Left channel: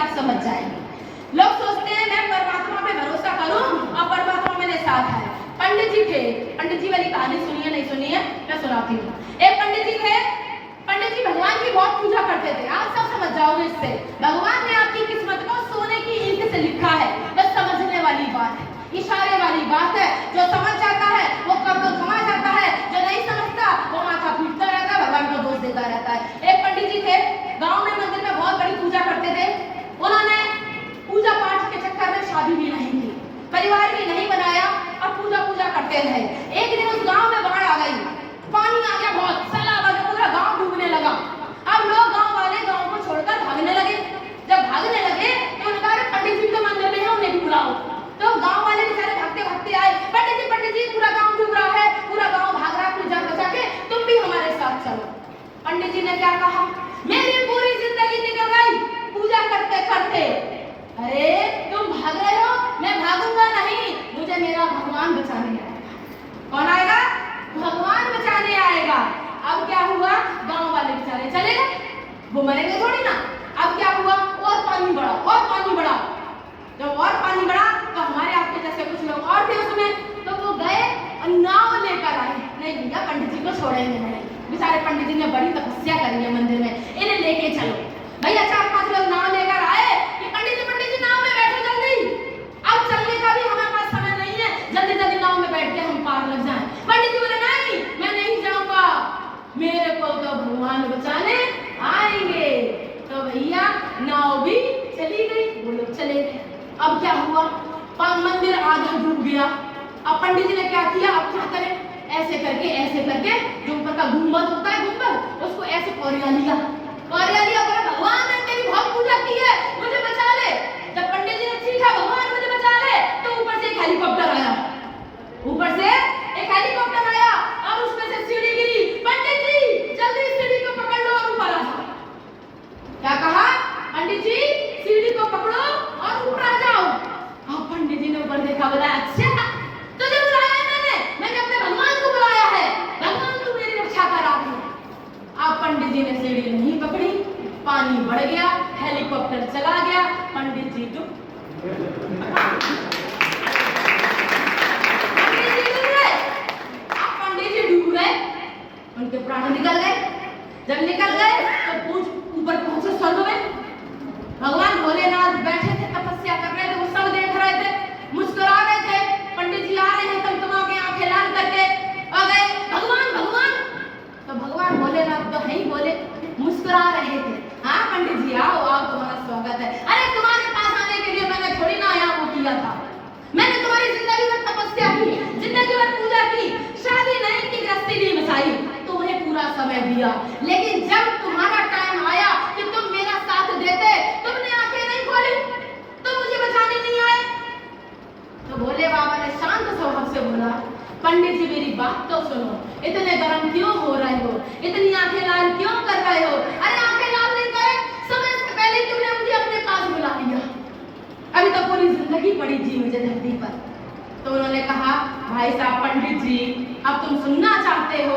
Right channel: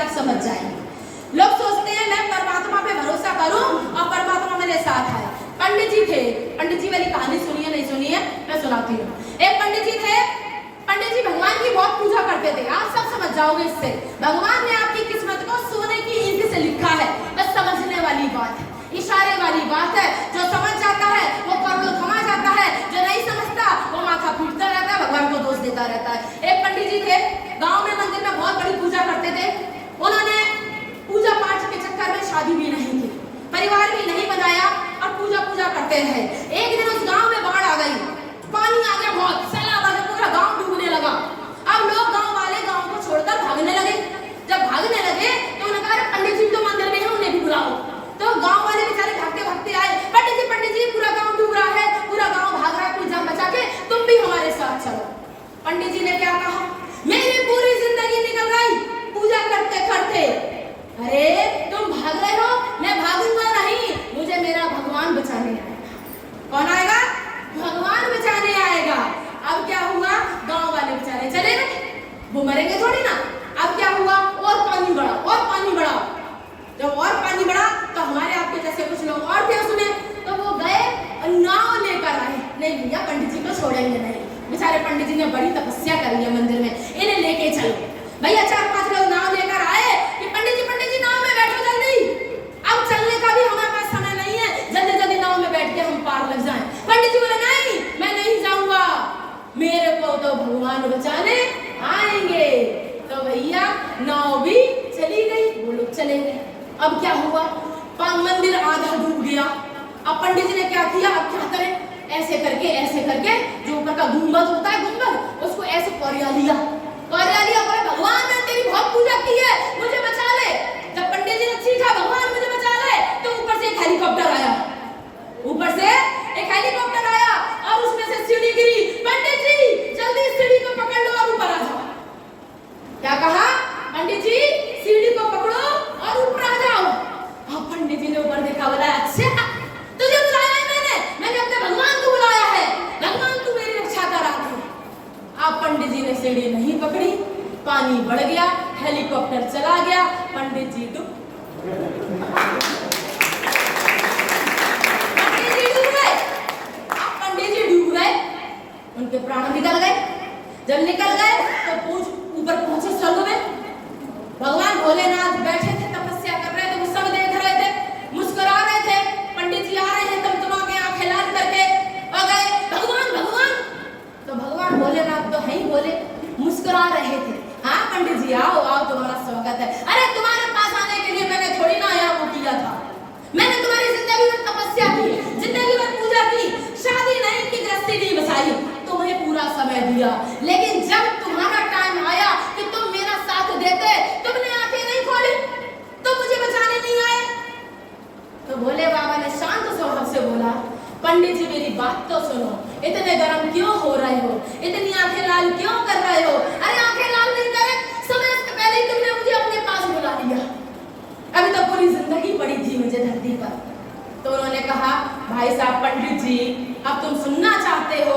आप समझ जाएंगे। लोग सोचते हैं मैं परमात्मा पे भरोसा करूं और परमात्मा मेरे साथ है। पंडित जी थे, पंडित जी वाली कहानी सुनिए, नहीं सुनिए, मैं सुनाती हूँ। एक पंडित जी थे, पंडित जी भगवान की बहुत पूजा करते थे। आप सब समझ जाओगे इससे, भगवान ने आपकी किस्मत को सोने की ईंट से लिखा है। बस समझने वाली बात है, इशारे वाली बात है। जो समझ जाता है वो करोड़ कमा जाता है, जो नहीं समझता वो माथा पीटता रहता है, भगवान को दोष देता रहता है। एक पंडित जी थे, गांव में मंदिर में बहुत बड़ी पूजा करते थे। उन्होंने पूजा पाठ के चक्कर में शादी भी नहीं की, परिवार भी नहीं बनाया और पूजा करते हैं। एक दिन उस गांव में बाढ़ आ गई, पानी आ गया, बहुत सैलाब आ गया, पूरा गांव डूबने लगा। अब लोग गांव वाले गांव को छोड़कर भागने लगे। जब भागने लगे तो उन्होंने कहा पंडित जी तो मंदिर में है, उन्हें भी बुलाओ। तो गांव वाले बेचारे भागते भागते आए, पंडित जी पूरा गांव डूब रहा है, पूरा गांव भाग रहा है, अपनी जान बचा के, तुम भी हमारे साथ चलो। पंडित जी ने क्या कहा, मेरी पूरी जिंदगी निकल गई पूजा करते करते। अरे तुम भाग रहे हो, मैं भागूंगा नहीं, मुझे मेरा भगवान बचाने आएगा। कौन आएगा? भगवान बचाने आएगा। अब क्या हुआ, गांव वाले बेचारे चले गए, वो मरेंगे थोड़ी ना। अब क्या हुआ, और पानी बढ़ा, और पानी बढ़ा। जब और पानी बढ़ा तो हमारे आपके जैसे कुछ लोग और थे उसमें, तो वो गए और नाव लेकर आए। नहीं भैया, पंडित जी को छोड़ेंगे नहीं, बेचारे पंडित जी ने बड़ी तपस्या करी है मंदिर में, इन्हें लेके चलो। भैया 4-5 लोग नाव लेकर आए कि पंडित जी नाव में बैठो जल्दी, अब चलने का भी हमारे पास समय नहीं है, जल्दी जल्दी नाव में बैठ के हम पार लग जाएं। पंडित जी बोले नहीं, मैं नहीं जाऊंगा, मेरे को तो भगवान बचाने आएंगे। तो भैया नाव भी चली गई, वो लोग चले गए। अब क्या हुआ, मंदिर आधा डूब गया। अब पंडित जी ने क्या किया, अब क्या करें, ऐसे करके जो ऊपर का गुंबद होता है, गुंबद, उसको ऐसे कोरिया लिया, बोला भगवान मैंने तेरी बहुत पूजा की है, मुझे बचा ले। जब पंडित जी ने चीखा भगवान मुझे बचा ले, तो ऊपर से एक हेलीकॉप्टर आया, और उसमें से सीढ़ी गिरी। पंडित जी जल्दी सीढ़ी को पकड़ लो और ऊपर आ जाओ। क्या कहा, पंडित जी सीढ़ी को पकड़ो और ऊपर आ जाओ। अब पंडित जी ने ऊपर देखा, बोला अच्छा तुझे बुलाया है मैंने अपने भगवान को बुलाया है, भगवान तू मेरी रक्षा करा दे। अब पंडित जी ने सीढ़ी नहीं पकड़ी, पानी बढ़ गया, हेलीकॉप्टर चला गया, पंडित जी डूब गए, उनके प्राण निकल गए। जब निकल गए तो ऊपर पहुंचे स्वर्ग में। भगवान भोलेनाथ बैठे थे, तपस्या कर रहे थे, वो सब देख रहे थे, मुस्कुरा रहे थे। पंडित जी आ रहे हैं तमतमा के आंखें लाल करके, और गए भगवान भगवान। तो भगवान भोलेनाथ तो है ही बोले, मुस्कुरा रहे थे, हाँ पंडित जी आओ आओ, तुम्हारा स्वागत है। अरे तुम्हारे पास आने के लिए मैंने थोड़ी ना यहाँ वो किया था, मैंने तुम्हारी जिंदगी भर तपस्या की, जिंदगी भर पूजा की, शादी नहीं की, गृहस्थी नहीं बसाई, तुम्हें पूरा समय दिया, लेकिन जब तुम्हारा टाइम आया कि तुम मेरा साथ देते, तुमने आंखें नहीं खोली, तुम मुझे बचाने नहीं आए। तो भोले बाबा ने शांत स्वभाव से बोला, पंडित जी मेरी बात तो सुनो, इतने गर्म क्यों हो रहे हो, इतनी आंखें लाल क्यों कर रहे हो? अरे आंखें लाल नहीं करे, समय से पहले तुमने मुझे अपने पास बुला लिया, अभी तो पूरी जिंदगी पड़ी थी मुझे धरती पर। तो उन्होंने कहा, भाई साहब पंडित जी, अब तुम सुनना चाहते हो